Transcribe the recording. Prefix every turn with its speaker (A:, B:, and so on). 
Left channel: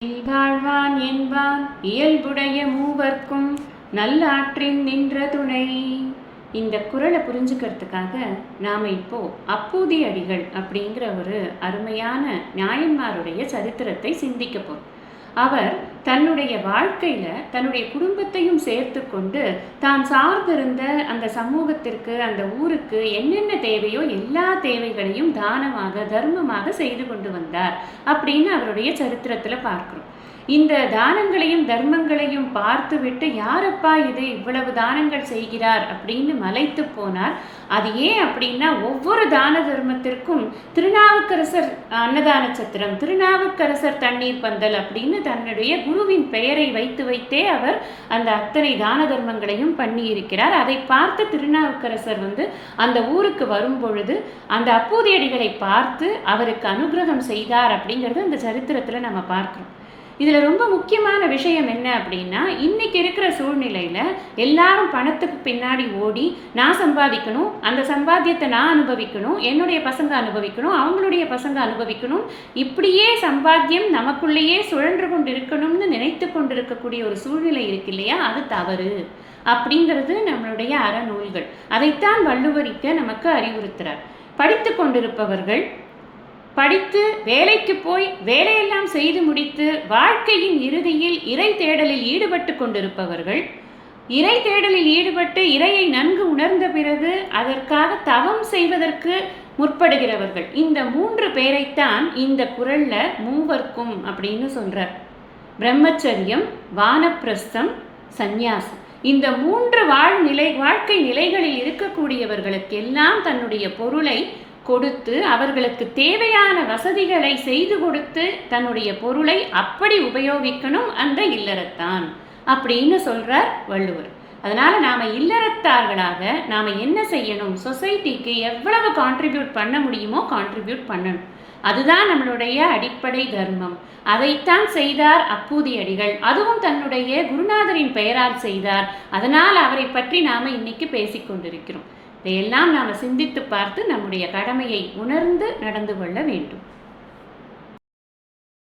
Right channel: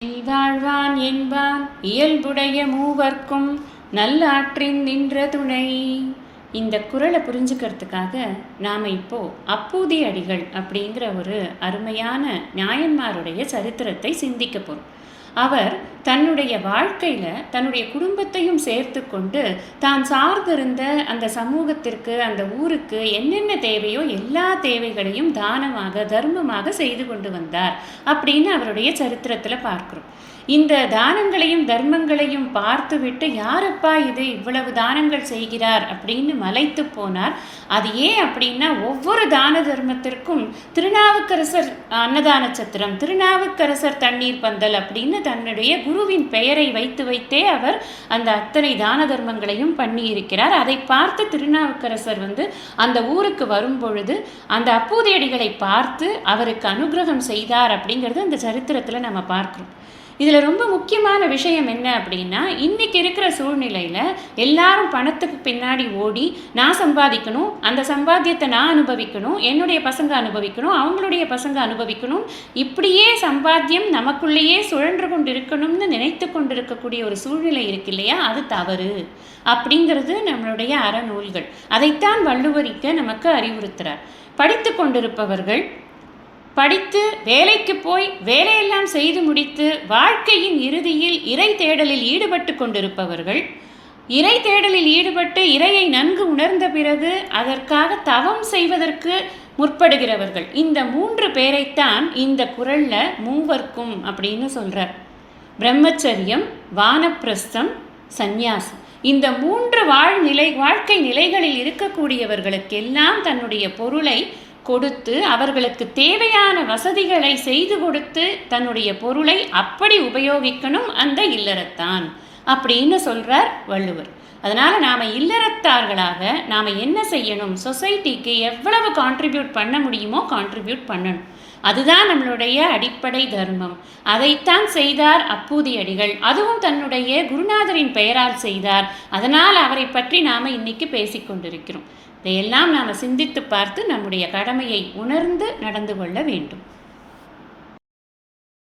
A: வாழ்வான் என்பான். இயல்புடைய மூவர்க்கும் நல்லாற்றின் நின்ற துணை. இந்த குரலை புரிஞ்சுக்கிறதுக்காக நாம் இப்போ அப்பூதி அடிகள் அப்படிங்கிற ஒரு அருமையான நியாயன்மாருடைய சரித்திரத்தை சிந்திக்க போகிறோம் அவர் தன்னுடைய வாழ்க்கையில் தன்னுடைய குடும்பத்தையும் சேர்த்து கொண்டு தான் சார்ந்திருந்த அந்த சமூகத்திற்கு அந்த ஊருக்கு என்னென்ன தேவையோ எல்லா தேவைகளையும் தானமாக தர்மமாக செய்து கொண்டு வந்தார் அப்படின்னு அவருடைய சரித்திரத்தில் பார்க்குறோம். இந்த தானங்களையும் தர்மங்களையும் பார்த்துவிட்டு யாரப்பா இது? இவ்வளவு தானங்கள் செய்கிறார்? அப்படின்னு மலைத்து போனார். அது ஏன் அப்படின்னா ஒவ்வொரு தான தர்மத்திற்கும் திருநாவுக்கரசர் அன்னதான சத்திரம் திருநாவுக்கரசர் தண்ணீர் பந்தல் அப்படின்னு தன்னுடைய குருவின் பெயரை வைத்து வைத்தே அவர் அந்த அத்தனை தான தர்மங்களையும் பண்ணி இருக்கிறார் அதை பார்த்து திருநாவுக்கரசர் வந்து அந்த ஊருக்கு வரும்பொழுது அந்த அப்பூதியடிகளை பார்த்து அவருக்கு அனுகிரகம் செய்தார் அப்படிங்கிறது அந்த சரித்திரத்தில் நம்ம பார்க்குறோம். இதில் ரொம்ப முக்கியமான விஷயம் என்ன அப்படின்னா இன்றைக்கி இருக்கிற சூழ்நிலையில் எல்லாரும் பணத்துக்கு பின்னாடி ஓடி நான் சம்பாதிக்கணும் அந்த சம்பாத்தியத்தை நான் அனுபவிக்கணும் என்னுடைய பசங்க அனுபவிக்கணும் அவங்களுடைய பசங்க அனுபவிக்கணும் இப்படியே சம்பாத்தியம் நமக்குள்ளேயே சுழன்று கொண்டு இருக்கணும்னு நினைத்து கொண்டிருக்கக்கூடிய ஒரு சூழ்நிலை இருக்கு இல்லையா? அது தவறு. அப்படிங்கிறது நம்மளுடைய அறநூல்கள். அதைத்தான் வள்ளுவரிக்க நமக்கு அறிவுறுத்துகிறார் படித்து கொண்டிருப்பவர்கள் படித்து வேலைக்கு போய் வேலையெல்லாம் செய்து முடித்து வாழ்க்கையின் இறுதியில் இறை தேடலில் ஈடுபட்டு கொண்டிருப்பவர்கள் இறை தேடலில் ஈடுபட்டு இறையை நன்கு உணர்ந்த பிறகு அதற்காக தவம் செய்வதற்கு முற்படுகிறவர்கள். இந்த மூன்று பேரைத்தான் இந்த குரலில் மூவர்க்கும் அப்படின்னு சொல்கிறார் பிரம்மச்சரியம் வானப்பிரஸ்தம் சந்நியாசம். இந்த மூன்று வாழ்நிலை வாழ்க்கை நிலைகளில் இருக்கக்கூடியவர்களுக்கெல்லாம் தன்னுடைய பொருளை கொடுத்து அவர்களுக்கு தேவையான வசதிகளை செய்து கொடுத்து தன்னுடைய பொருளை அப்படி உபயோகிக்கணும் அந்த இல்லறத்தான். அப்படின்னு சொல்றார் வள்ளுவர். அதனால் நாம் இல்லறத்தார்களாக நாம் என்ன செய்யணும்? சொசைட்டிக்கு எவ்வளவு கான்ட்ரிபியூட் பண்ண முடியுமோ கான்ட்ரிபியூட் பண்ணணும். அதுதான் நம்மளுடைய அடிப்படை தர்மம். அதைத்தான் செய்தார் அப்பூதி அடிகள் அதுவும் தன்னுடைய குருநாதரின் பெயரால் செய்தார். அதனால் அவரை பற்றி நாம் இன்னைக்கு பேசிக்கொண்டிருக்கிறோம் இதையெல்லாம் நாம் சிந்தித்து பார்த்து நம்முடைய கடமையை உணர்ந்து நடந்து கொள்ள வேண்டும்.